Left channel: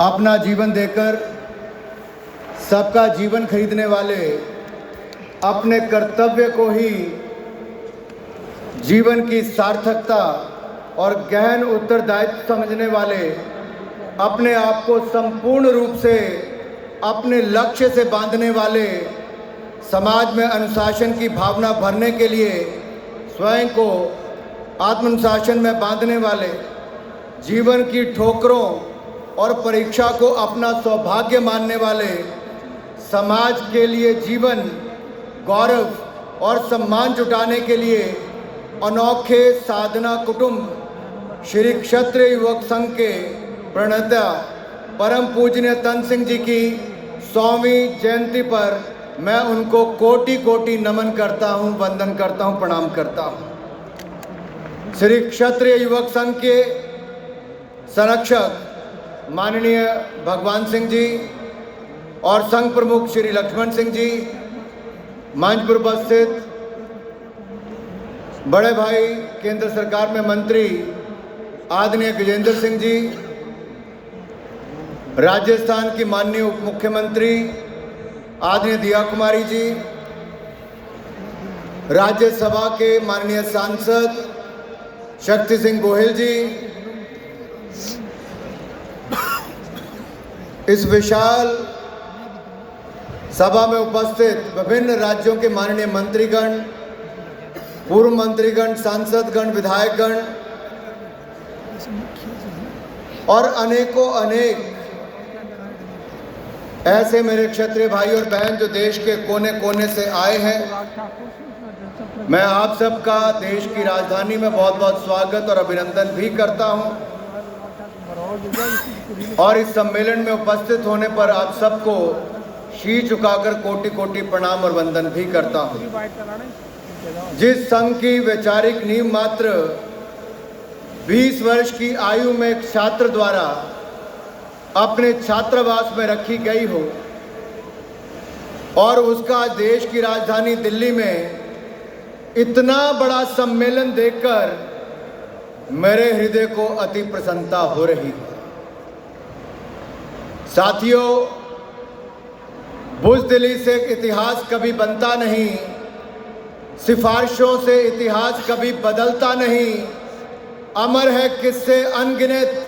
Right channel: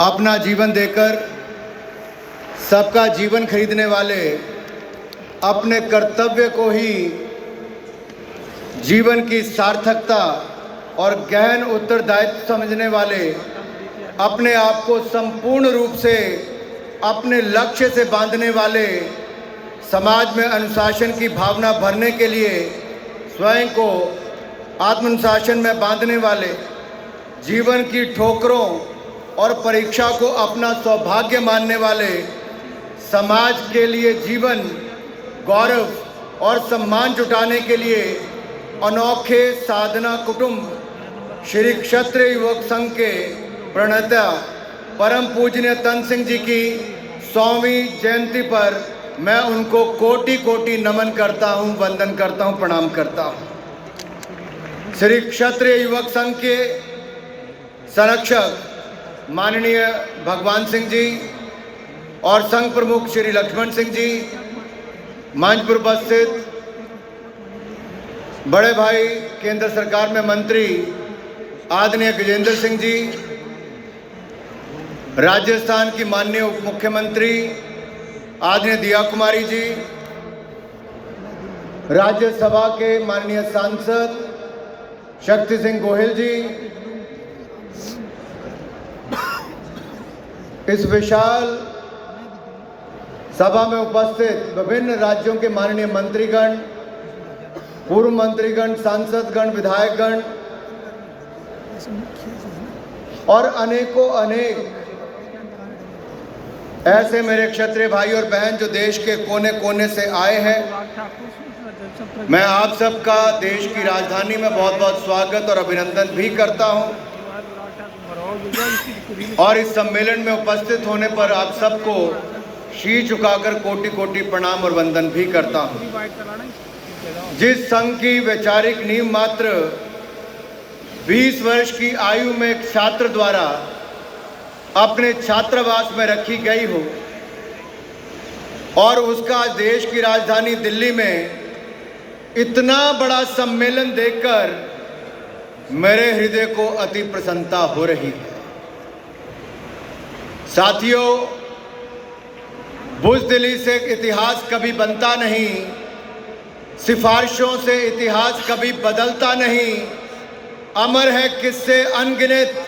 अपना जीवन देकर सबका जीवन खरीदने वाले, अपने कर्तव्य को ही जीवन की सार्थकता और गहन उत्तरदायित्व समझने वाले, अपने आप को संपूर्ण रूप से अपने लक्ष्य से बांधने वाले, समाज में अनुशासन की भावना भरने के लिए स्वयं को आत्मानुशासन में बांधने वाले, जीवन की ठोकरों और परीक्षा को अपना सौभाग्य मानने वाले, समाज के लिए जीवन, गौरव और सम्मान जुटाने के लिए अनोखे साधना कुटुंब श्री क्षत्रिय युवक संघ के प्रणेता परम पूजनीय तन सिंह जी की 100वीं जयंती पर मैं उनको कोटि कोटि नमन करता हूं, वंदन करता हूं, प्रणाम करता हूं। श्री क्षत्रिय युवक संघ के संरक्षक माननीय भगवान सिंह जी और संघ प्रमुख श्री लक्ष्मण सिंह जी, मंच पर उपस्थित बड़े भाई केंद्र सरकार में मंत्री आदरणीय गजेंद्र सिंह जी, राजस्थान की माननीय उप मुख्यमंत्री आदरणीय दिया कुमारी जी, राज्यसभा के माननीय सांसद शक्ति सिंह गोहिल जी, इस विशाल सभा में उपस्थित विभिन्न राज्यों के माननीय मंत्रीगण, पूर्व मंत्रीगण, सांसदगण, विधायकगण और अनेकों अनेक ऐसे मेरे क्षत्रिय भाई और बहन जो देश के कोने कोने से आए हैं, मैं आप सबका देश की राजधानी में बहुत बहुत स्वागत और अभिनंदन भी करता हूं और इस सम्मेलन में उपस्थित होने पर आप सबको शीश झुकाकर कोटि कोटि प्रणाम और वंदन भी करता हूं। जिस संघ की वैचारिक नींव मात्र 20 वर्ष की आयु में एक छात्र द्वारा अपने छात्रावास में रखी गई हो और उसका देश की राजधानी दिल्ली में इतना बड़ा सम्मेलन देखकर मेरे हृदय को अति प्रसन्नता हो रही है। साथियों, बुज़दिली से इतिहास कभी बनता नहीं, सिफारिशों से इतिहास कभी बदलता नहीं। अमर है किस्से अनगिनत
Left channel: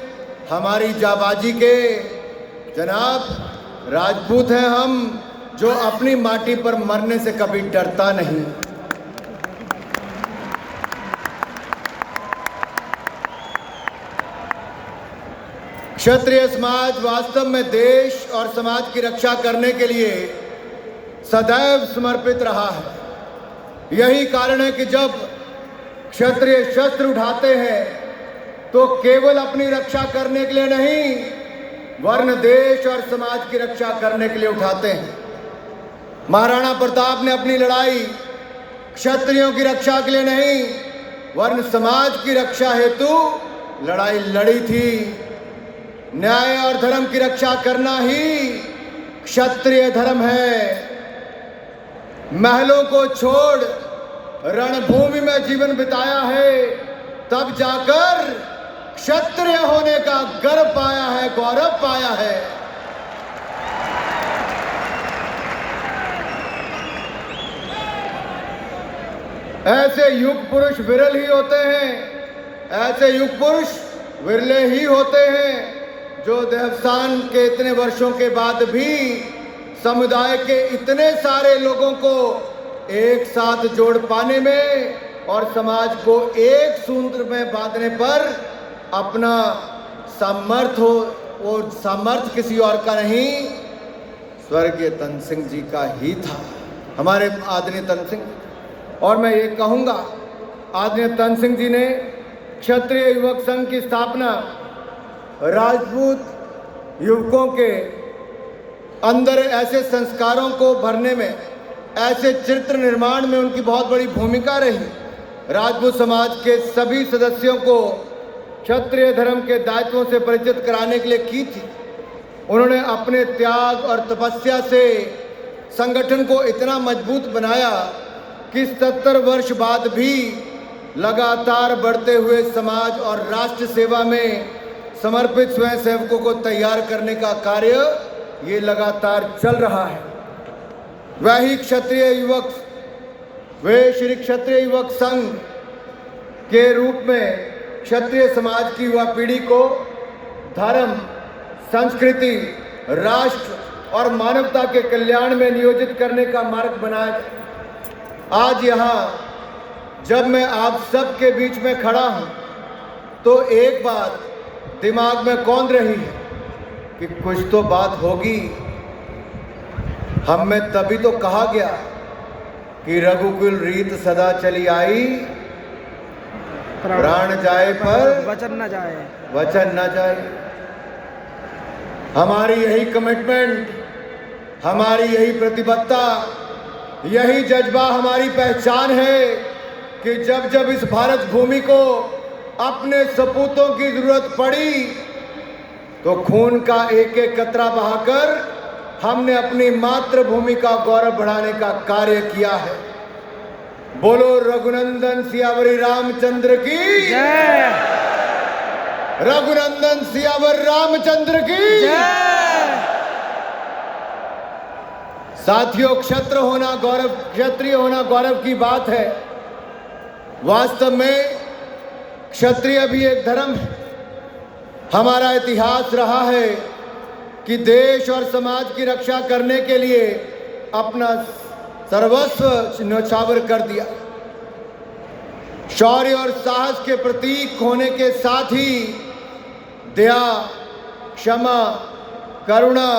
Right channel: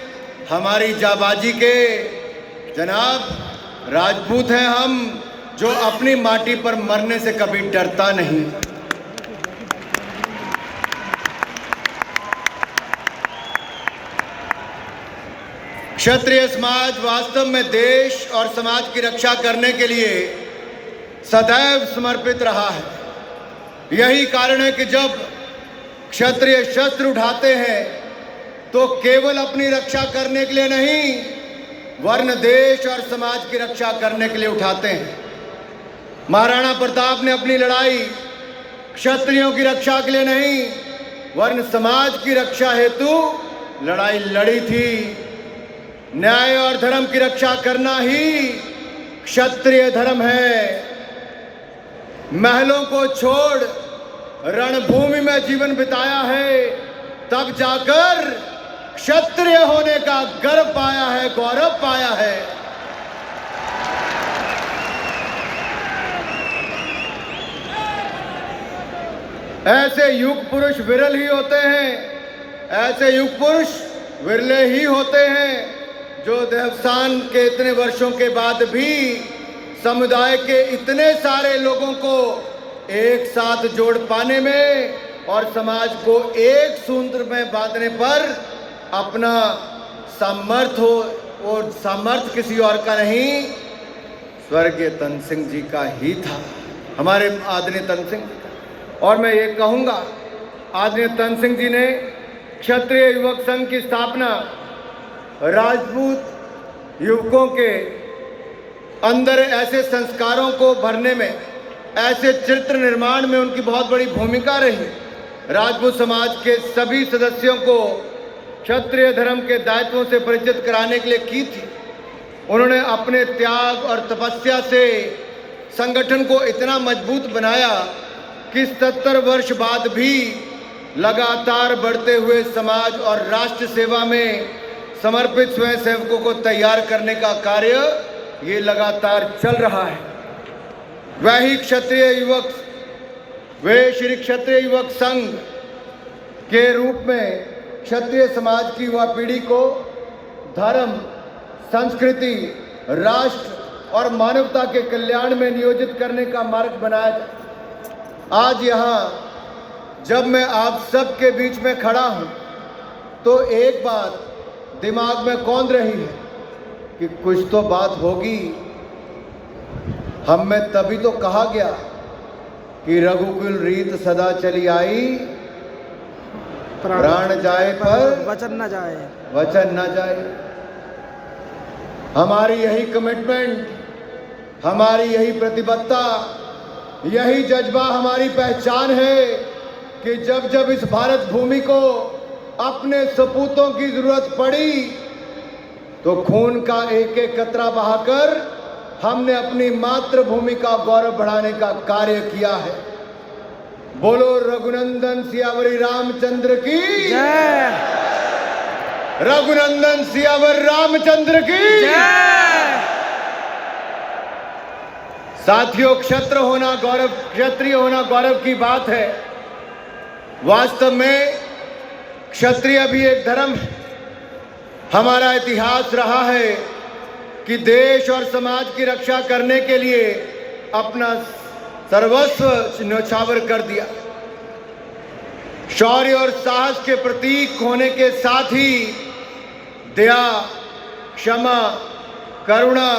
हमारी जाबाजी के। जनाब, राजपूत हैं हम जो अपनी माटी पर मरने से कभी डरता नहीं। क्षत्रिय समाज वास्तव में देश और समाज की रक्षा करने के लिए सदैव समर्पित रहा है। यही कारण है कि जब क्षत्रिय शस्त्र उठाते हैं तो केवल अपनी रक्षा करने के लिए नहीं, वरन देश और समाज की रक्षा करने के लिए उठाते हैं। महाराणा प्रताप ने अपनी लड़ाई क्षत्रियों की रक्षा के लिए नहीं, वरन समाज की रक्षा हेतु लड़ाई लड़ी थी। न्याय और धर्म की रक्षा करना ही क्षत्रिय धर्म है। महलों को छोड़ रणभूमि में जीवन बिताया है, तब जाकर क्षत्रिय होने का गर्व पाया है, गौरव पाया है। ऐसे युग पुरुष विरल ही होते हैं, ऐसे युग पुरुष विरले ही होते हैं जो देहावसान के इतने वर्षों के बाद भी समुदाय के इतने सारे लोगों को एक साथ जोड़ पाने में और समाज को एक सूत्र में बांधने पर अपना सामर्थ्य हो, और सामर्थ्य किसी और का नहीं, स्वर्गीय तन सिंह जी का ही था, हमारे आदरणीय तन सिंह। और मैं ये कहूँगा, आदरणीय तन सिंह जी ने क्षत्रिय युवक संघ की स्थापना राजपूत युवकों के अंदर ऐसे संस्कारों को भरने में, ऐसे चरित्र निर्माण में उनकी बहुत बड़ी भूमिका रही। राजपूत समाज के सभी सदस्यों को क्षत्रिय धर्म के दायित्वों से परिचित कराने के लिए की थी। उन्होंने अपने त्याग और तपस्या से संगठन को इतना मजबूत बनाया कि 70 वर्ष बाद भी लगातार बढ़ते हुए समाज और राष्ट्र सेवा में समर्पित स्वयंसेवकों को तैयार करने का कार्य ये लगातार चल रहा है। वही वे श्री क्षत्रिय युवक संघ के रूप में क्षत्रिय समाज की युवा पीढ़ी को धर्म, संस्कृति, राष्ट्र और मानवता के कल्याण में नियोजित करने का मार्ग बनाया। आज यहाँ जब मैं आप सबके बीच में खड़ा हूँ तो एक बात दिमाग में कौंध रही है कि कुछ तो बात होगी। हम में तभी तो कहा गया कि रघुकुल रीत सदा चली आई, प्राण जाए पर वचन न जाए, वचन न जाए। हमारी यही कमिटमेंट, हमारी यही प्रतिबद्धता, यही जज्बा हमारी पहचान है कि जब जब इस भारत भूमि को अपने सपूतों की जरूरत पड़ी तो खून का एक एक कतरा बहाकर हमने अपनी मातृभूमि का गौरव बढ़ाने का कार्य किया है। बोलो रघुनंदन सियावरी रामचंद्र की जय। रघुनंदन सियावर रामचंद्र की जय। साथियों, क्षत्रिय होना गौरव की बात है। वास्तव में क्षत्रिय भी एक धर्म है। हमारा इतिहास रहा है कि देश और समाज की रक्षा करने के लिए अपना सर्वस्व न्यौछावर कर दिया। शौर्य और साहस के प्रतीक होने के साथ ही दया, क्षमा, करुणा,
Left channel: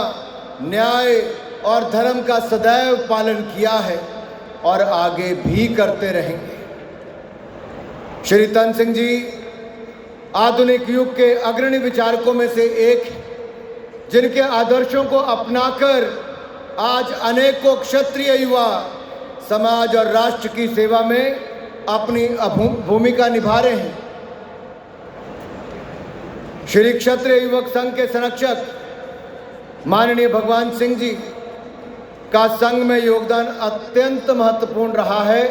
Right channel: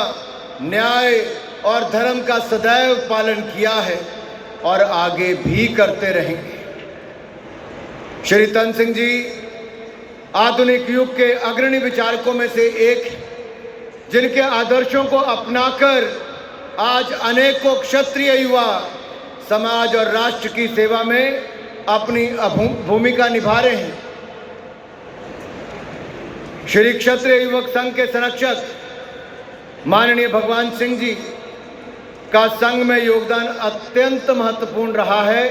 न्याय और धर्म का सदैव पालन किया है और आगे भी करते रहेंगे। श्री तन सिंह जी आधुनिक युग के अग्रणी विचारकों में से एक, जिनके आदर्शों को अपनाकर आज अनेकों क्षत्रिय युवा समाज और राष्ट्र की सेवा में अपनी भूमिका निभा रहे हैं। श्री क्षत्रिय युवक संघ के संरक्षक माननीय भगवान सिंह जी का संघ में योगदान अत्यंत महत्वपूर्ण रहा है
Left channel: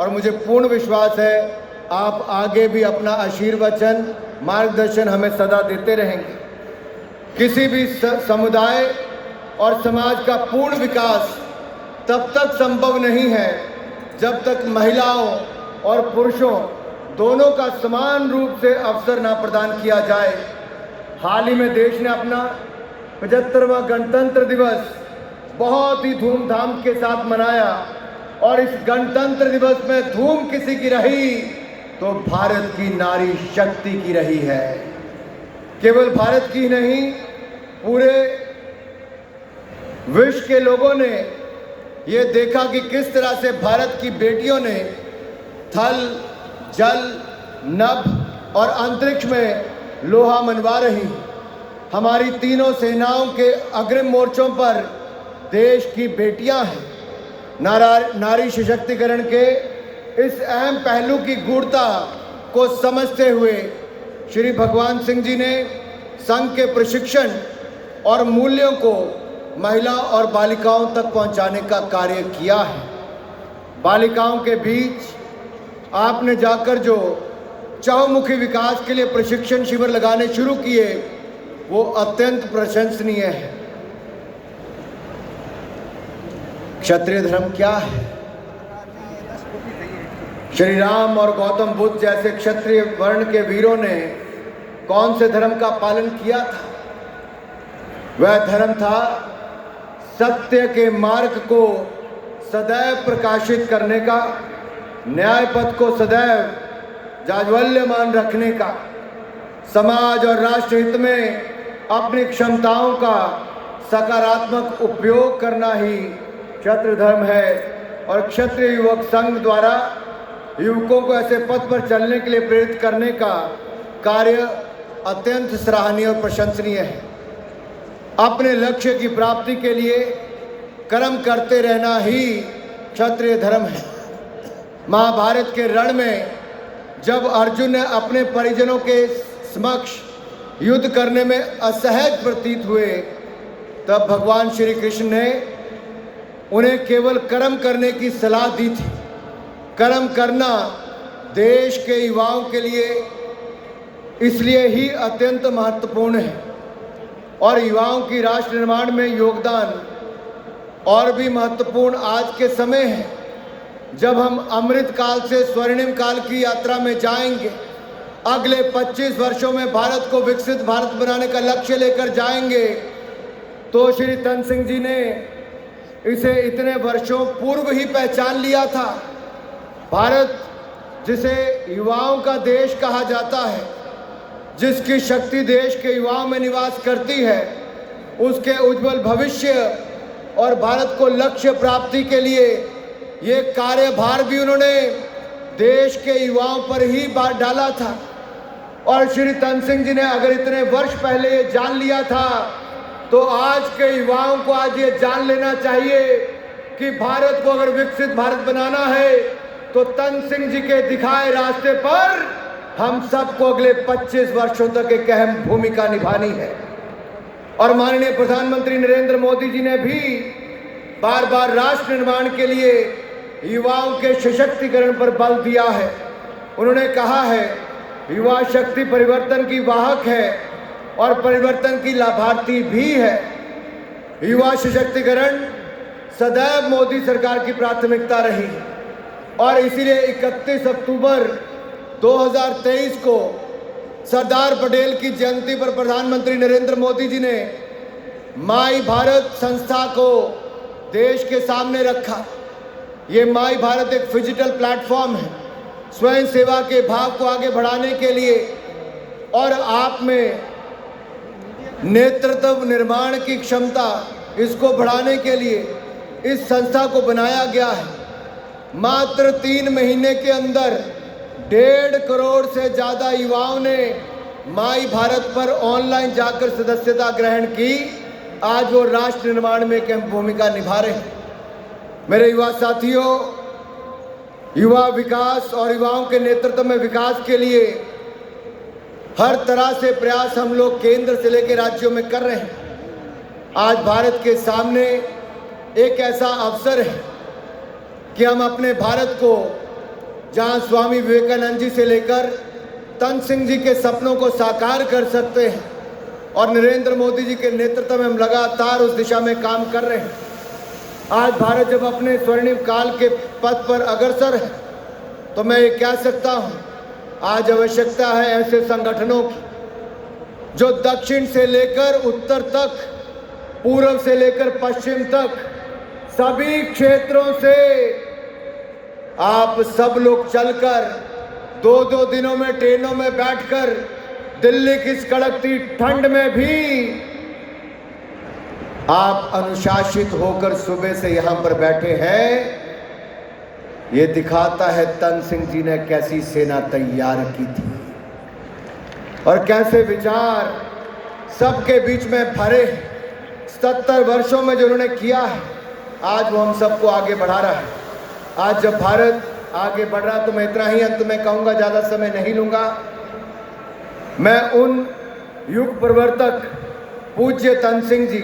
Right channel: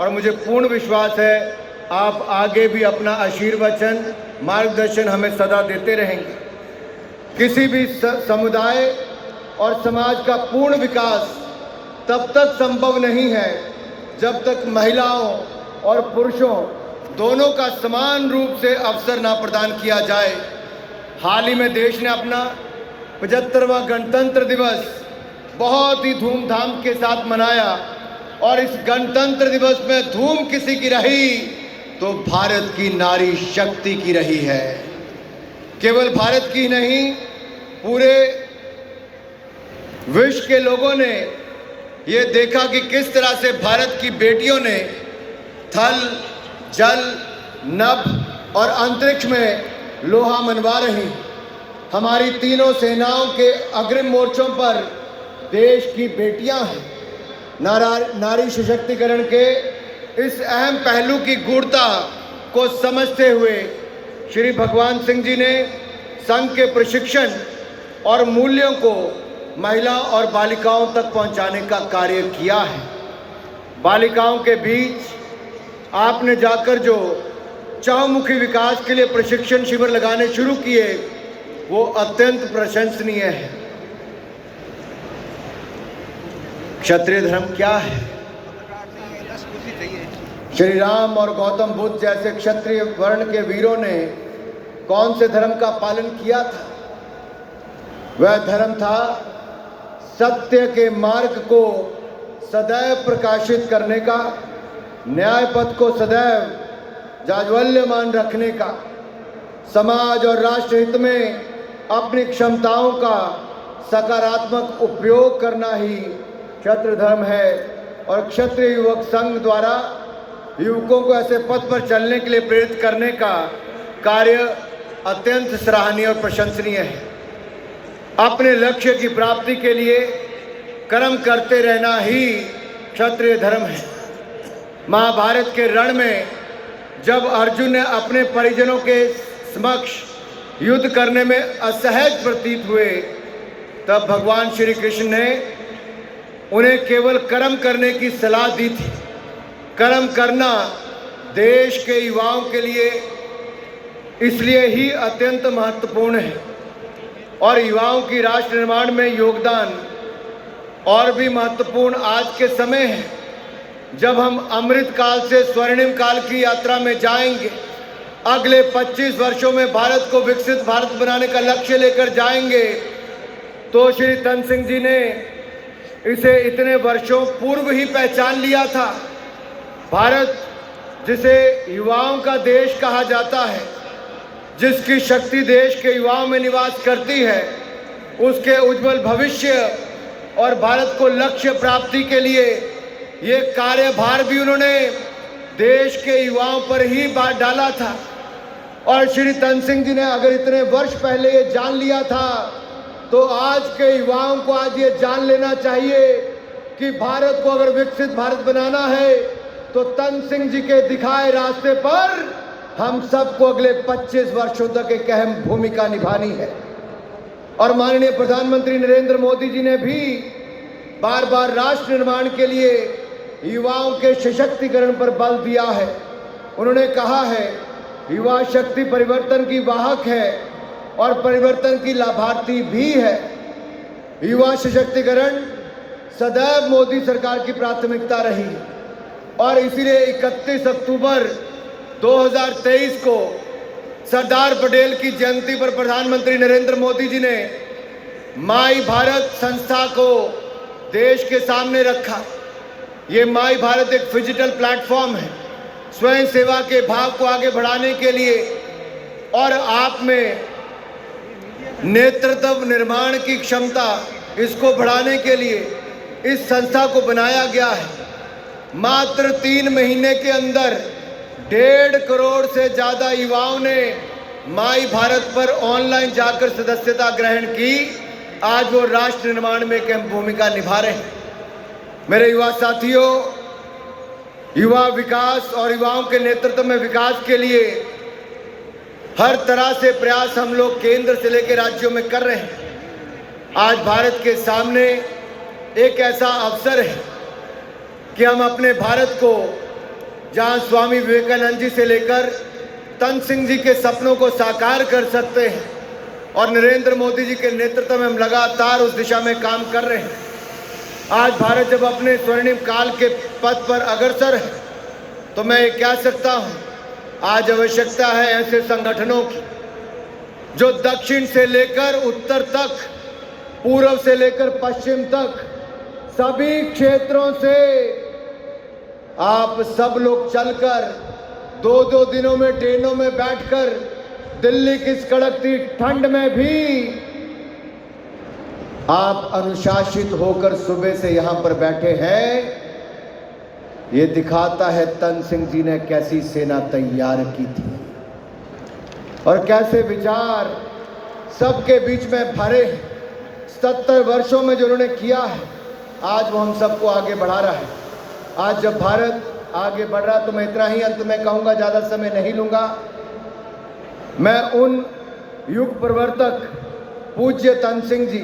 और मुझे पूर्ण विश्वास है आप आगे भी अपना आशीर्वचन, मार्गदर्शन हमें सदा देते रहेंगे। किसी भी समुदाय और समाज का पूर्ण विकास तब तक संभव नहीं है जब तक महिलाओं और पुरुषों दोनों का समान रूप से अवसर ना प्रदान किया जाए। हाल ही में देश ने अपना 75वां गणतंत्र दिवस बहुत ही धूमधाम के साथ मनाया और इस गणतंत्र दिवस में धूम किसी की रही तो भारत की नारी शक्ति की रही है। केवल भारत की नहीं, पूरे विश्व के लोगों ने ये देखा कि किस तरह से भारत की बेटियों ने थल, जल, नभ और अंतरिक्ष में लोहा मनवा रही। हमारी तीनों सेनाओं के अग्रिम मोर्चों पर देश की बेटियां हैं। नारी सशक्तिकरण के इस अहम पहलू की गूढ़ता को समझते हुए श्री भगवान सिंह जी ने संघ के प्रशिक्षण और मूल्यों को महिला और बालिकाओं तक पहुंचाने का कार्य किया है। बालिकाओं के बीच आपने जाकर जो चहुमुखी विकास के लिए प्रशिक्षण शिविर लगाने शुरू किए वो अत्यंत प्रशंसनीय है। क्षत्रिय धर्म क्या है? श्री राम और गौतम बुद्ध जैसे क्षत्रिय वर्ण के वीरों ने कौन से धर्म का पालन किया था? वह धर्म था सत्य के मार्ग को सदैव प्रकाशित करने का, न्याय पथ को सदैव जाज्वल्यमान रखने का, समाज और राष्ट्र हित में अपनी क्षमताओं का सकारात्मक उपयोग करना ही क्षत्रिय धर्म है। और क्षत्रिय युवक संघ द्वारा युवकों को ऐसे पथ पर चलने के लिए प्रेरित करने का कार्य अत्यंत सराहनीय और प्रशंसनीय है। अपने लक्ष्य की प्राप्ति के लिए कर्म करते रहना ही क्षत्रिय धर्म है। महाभारत के रण में जब अर्जुन ने अपने परिजनों के समक्ष युद्ध करने में असहज प्रतीत हुए तब भगवान श्री कृष्ण ने उन्हें केवल कर्म करने की सलाह दी थी। कर्म करना देश के युवाओं के लिए इसलिए ही अत्यंत महत्वपूर्ण है। और युवाओं की राष्ट्र निर्माण में योगदान और भी महत्वपूर्ण आज के समय है, जब हम अमृत काल से स्वर्णिम काल की यात्रा में जाएंगे। अगले 25 वर्षों में भारत को विकसित भारत बनाने का लक्ष्य लेकर जाएंगे। तो श्री तन सिंह जी ने इसे इतने वर्षों पूर्व ही पहचान लिया था। भारत, जिसे युवाओं का देश कहा जाता है, जिसकी शक्ति देश के युवाओं में निवास करती है, उसके उज्जवल भविष्य और भारत को लक्ष्य प्राप्ति के लिए ये कार्यभार भी उन्होंने देश के युवाओं पर ही डाला था। और श्री तन सिंह जी ने अगर इतने वर्ष पहले ये जान लिया था, तो आज के युवाओं को आज ये जान लेना चाहिए कि भारत को अगर विकसित भारत बनाना है, तो तन सिंह जी के दिखाए रास्ते पर हम सबको अगले 25 वर्षों तक एक अहम भूमिका निभानी है। और माननीय प्रधानमंत्री नरेंद्र मोदी जी ने भी बार बार राष्ट्र निर्माण के लिए युवाओं के सशक्तिकरण पर बल दिया है। उन्होंने कहा है, युवा शक्ति परिवर्तन की वाहक है और परिवर्तन की लाभार्थी भी है। युवा सशक्तिकरण सदैव मोदी सरकार की प्राथमिकता रही और इसीलिए 31 अक्टूबर 2023 को सरदार पटेल की जयंती पर प्रधानमंत्री नरेंद्र मोदी जी ने माई भारत संस्था को देश के सामने रखा। ये माई भारत एक डिजिटल प्लेटफॉर्म है, स्वयं सेवा के भाव को आगे बढ़ाने के लिए और आप में नेतृत्व निर्माण की क्षमता, इसको बढ़ाने के लिए इस संस्था को बनाया गया है। मात्र 3 महीने के अंदर 1.5 करोड़ से ज़्यादा युवाओं ने माई भारत पर ऑनलाइन जाकर सदस्यता ग्रहण की। आज वो राष्ट्र निर्माण में एक अहम भूमिका निभा रहे हैं। मेरे युवा साथियों, युवा विकास और युवाओं के नेतृत्व में विकास के लिए हर तरह से प्रयास हम लोग केंद्र से लेकर राज्यों में कर रहे हैं। आज भारत के सामने एक ऐसा अवसर है कि हम अपने भारत को, जहां स्वामी विवेकानंद जी से लेकर तन सिंह जी के सपनों को साकार कर सकते हैं, और नरेंद्र मोदी जी के नेतृत्व में हम लगातार उस दिशा में काम कर रहे हैं। आज भारत जब अपने स्वर्णिम काल के पथ पर अग्रसर है, तो मैं ये कह सकता हूँ, आज आवश्यकता है ऐसे संगठनों की जो दक्षिण से लेकर उत्तर तक, पूर्व से लेकर पश्चिम तक, सभी क्षेत्रों से आप सब लोग चलकर 2-2 दिनों में ट्रेनों में बैठकर दिल्ली की इस कड़कती ठंड में भी आप अनुशासित होकर सुबह से यहाँ पर बैठे हैं। ये दिखाता है तन सिंह जी ने कैसी सेना तैयार की थी और कैसे विचार सबके बीच में भरे। 70 वर्षों में जो उन्होंने किया है, आज वो हम सबको आगे बढ़ा रहा है। आज जब भारत आगे बढ़ रहा, तो मैं इतना ही अंत में कहूँगा, ज़्यादा समय नहीं लूँगा। मैं उन युग प्रवर्तक पूज्य तन सिंह जी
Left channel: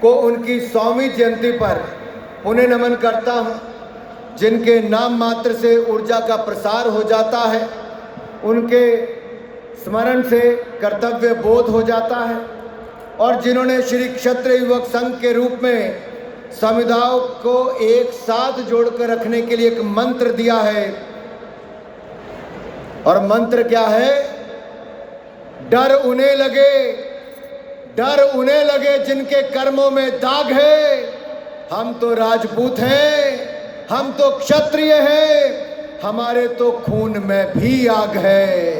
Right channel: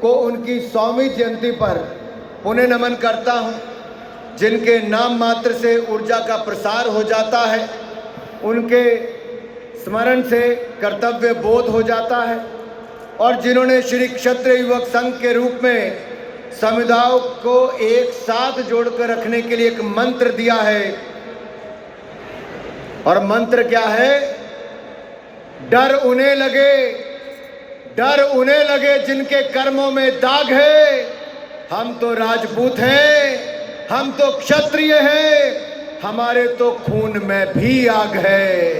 को उनकी 100वीं जयंती पर उन्हें नमन करता हूँ, जिनके नाम मात्र से ऊर्जा का प्रसार हो जाता है, उनके स्मरण से कर्तव्य बोध हो जाता है, और जिन्होंने श्री क्षत्रिय युवक संघ के रूप में समुदायों को एक साथ जोड़कर रखने के लिए एक मंत्र दिया है। और मंत्र क्या है? डर उन्हें लगे जिनके कर्मों में दाग है। हम तो राजपूत हैं, हम तो क्षत्रिय हैं, हमारे तो खून में भी आग है।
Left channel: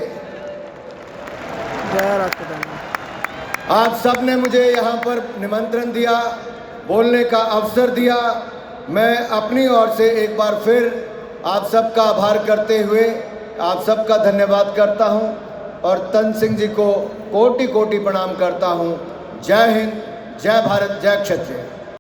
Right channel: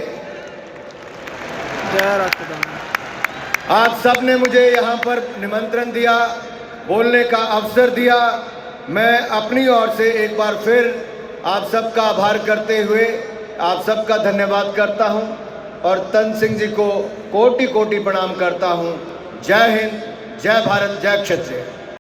आप सब ने मुझे यहाँ पर निमंत्रण दिया, बोलने का अवसर दिया। मैं अपनी ओर से एक बार फिर आप सबका आभार करते हुए आप सबका धन्यवाद करता हूँ और तन सिंह जी को कोटि कोटि प्रणाम करता हूँ। जय हिंद, जय भारत, जय क्षत्रिय।